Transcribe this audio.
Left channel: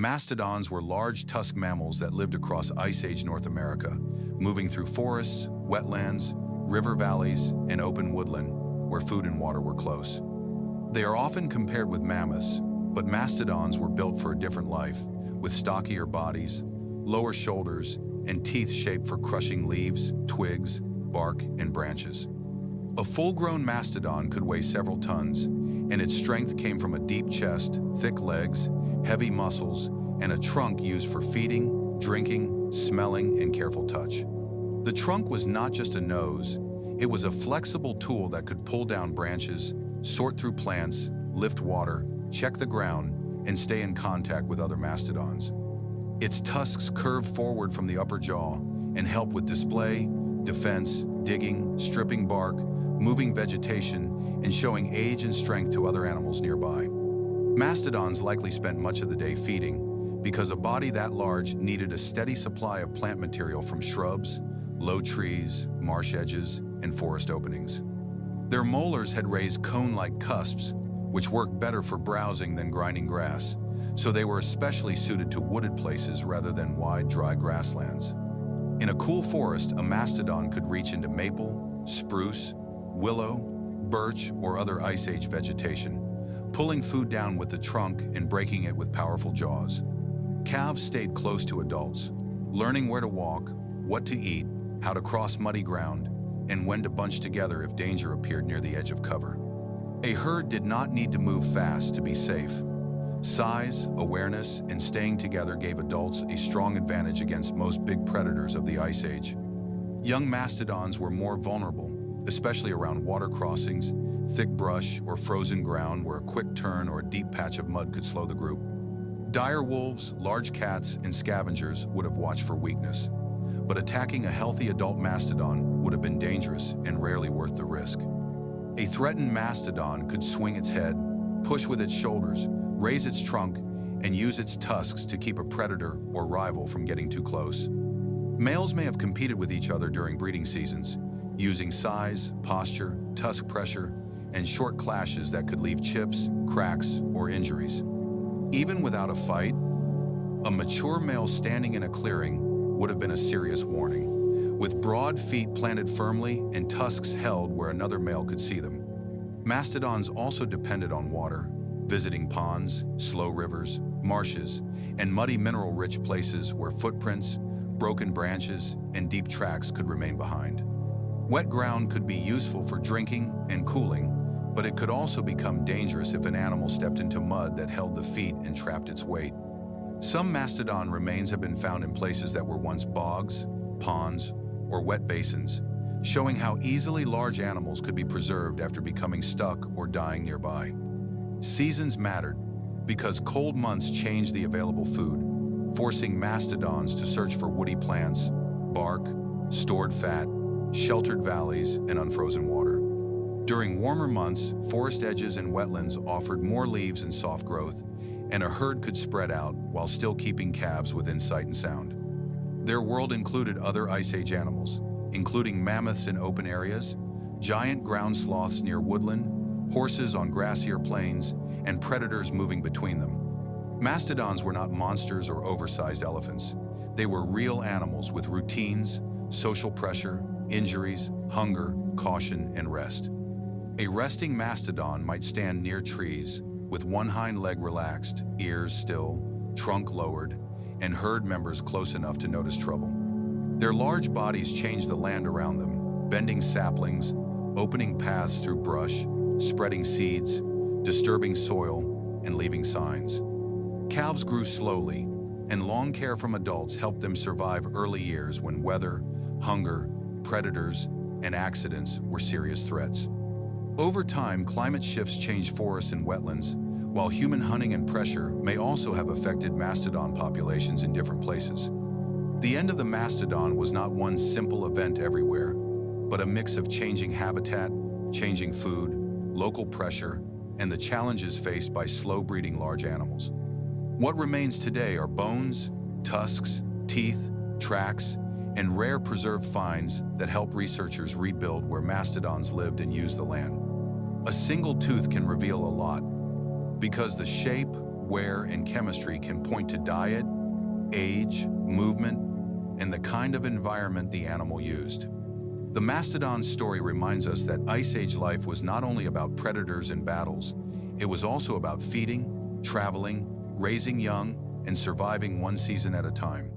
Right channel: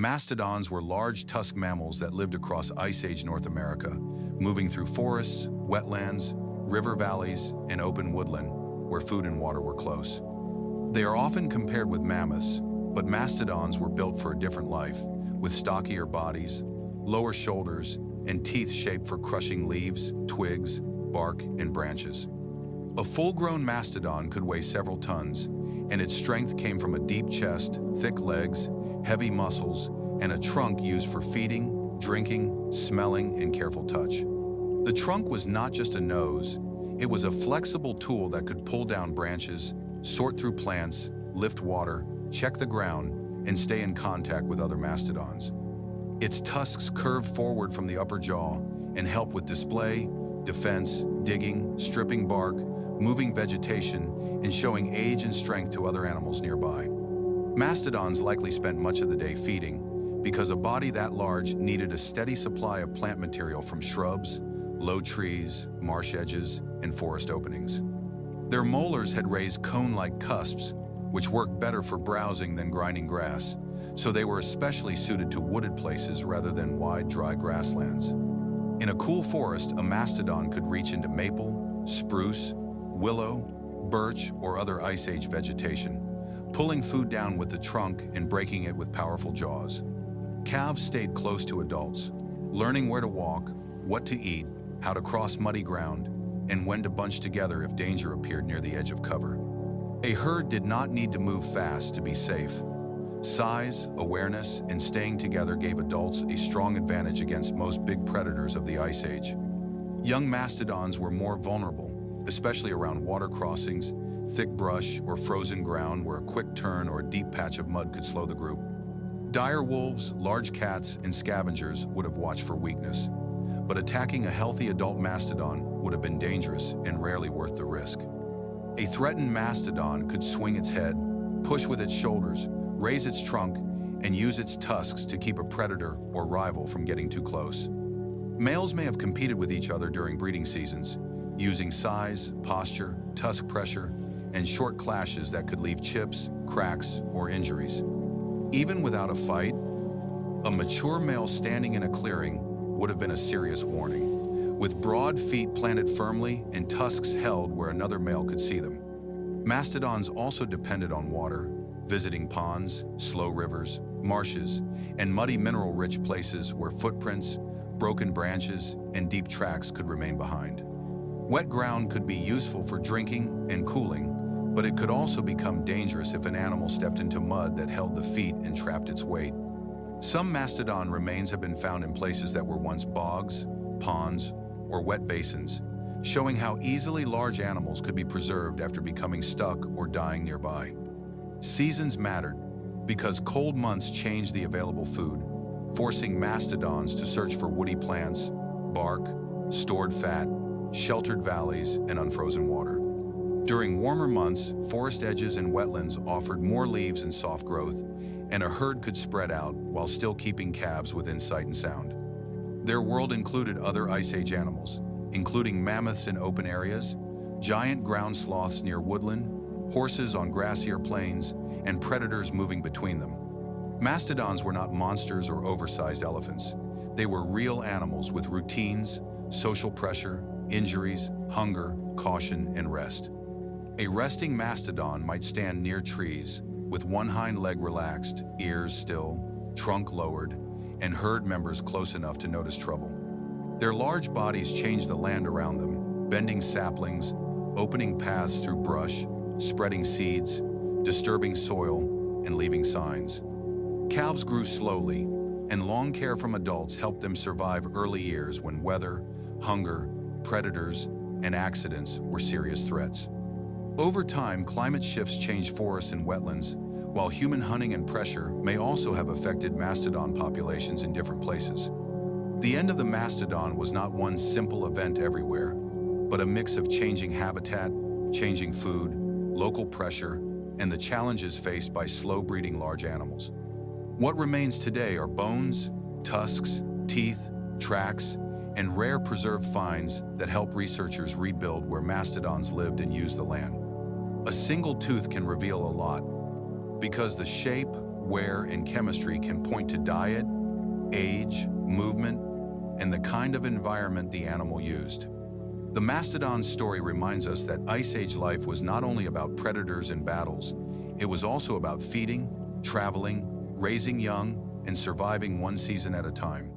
Mastodons were large tusked mammals that lived across Ice Age North America, moving through forests, wetlands, river valleys, and open woodland, where food and water were close. They are often compared with mammoths, but mastodons were built for a different life, with stockier bodies, lower shoulders, and teeth shaped for crushing leaves, twigs, bark, and branches. A full-grown mastodon could weigh several tons, and its strength came from a deep chest, thick legs, heavy muscles, and a trunk used for feeding, drinking, smelling, and careful touch. The trunk was not just a nose, it was a flexible tool that could pull down branches, sort through plants, lift water, check the ground, and stay in contact with other mastodons. Its tusks curved forward from the upper jaw and help with display, defense, digging, stripping bark, moving vegetation, and showing age and strength to other animals nearby. Mastodons likely spent much of the day feeding, because a body that large needed a steady supply of plant material from shrubs, low trees, marsh edges, and forest openings. Their molars had raised cone-like cusps, which worked better for browsing than grinding grass, so they were especially suited to wooded places rather than wide, dry grasslands. In a cool forest, a mastodon could reach into maple, spruce, willow, birch, or other Ice Age vegetation, pulling food down with the trunk and breaking it with powerful jaws. Calves stayed close to adults, learning where to walk, what to eat, how to cross muddy ground, and when to bunch together if danger appeared near the edge of cover. A herd did not need to move fast to be safe. Size, awareness, and staying together gave adults a strong advantage against most big predators of the Ice Age. Young mastodons were more vulnerable, especially around water crossings, thick brush, or frozen ground where a quick turn or a deep patch of mud could slow the group. Dire wolves, large cats, and scavengers would have watched for weakness, but attacking a healthy adult mastodon would have been dangerous and rarely worth the risk. A threatened mastodon could swing its head, push with its shoulders, raise its trunk, and use its tusks to keep a predator or rival from getting too close. Males may have competed with each other during breeding seasons, using size, posture, tusk pressure, and short clashes that could leave chips, cracks, or injuries. Even without a fight, a mature male standing in a clearing would have been a serious warning, with broad feet planted firmly and tusks held where another male could see them. Mastodons also depended on water, visiting ponds, slow rivers, marshes, and muddy mineral-rich places where footprints, broken branches, and deep tracks could remain behind. Wet ground could be useful for drinking and cooling, but it could also become dangerous if an animal stepped into mud that held the feet and trapped its weight. Some mastodon remains have been found in places that were once bogs, ponds, or wet basins, showing how easily large animals could be preserved after becoming stuck or dying nearby. Seasons mattered because cold months changed the available food, forcing mastodons to search for woody plants, bark, stored fat, sheltered valleys, and unfrozen water. During warmer months, forest edges and wetlands offered more leaves and soft growth, and a herd could spread out while still keeping calves within sight and sound. Their world included other Ice Age animals, including mammoths in open areas, giant ground sloths near woodland, horses on grassier plains, and predators moving between them. Mastodons were not monsters or oversized elephants. They were real animals with routines, social pressure, injuries, hunger, caution, and rest. A resting mastodon might stand near trees, with one hind leg relaxed, ears still, trunk lowered, and herd members close enough to notice trouble. Their large bodies changed the land around them, bending saplings, opening paths through brush, spreading seeds, disturbing soil, and leaving signs. Calves grew slowly, and long care from adults helped them survive early years when weather, hunger, predators, and accidents were serious threats. Over time, climate shifts changed forests and wetlands, while human hunting and pressure may also have affected mastodon populations in different places. The end of the mastodon was not one simple event everywhere, but a mix of changing habitat, changing food, local pressure, and the challenges faced by slow-breeding large animals. What remains today are bones, tusks, teeth, tracks, and rare preserved finds that help researchers rebuild where mastodons lived and used the land. A single tooth can reveal a lot, because the shape, wear, and chemistry can point to diet, age, movement, and the kind of environment the animal used. The mastodon's story reminds us that Ice Age life was not only about predators and battles, it was also about feeding, traveling, raising young, and surviving one season at a time.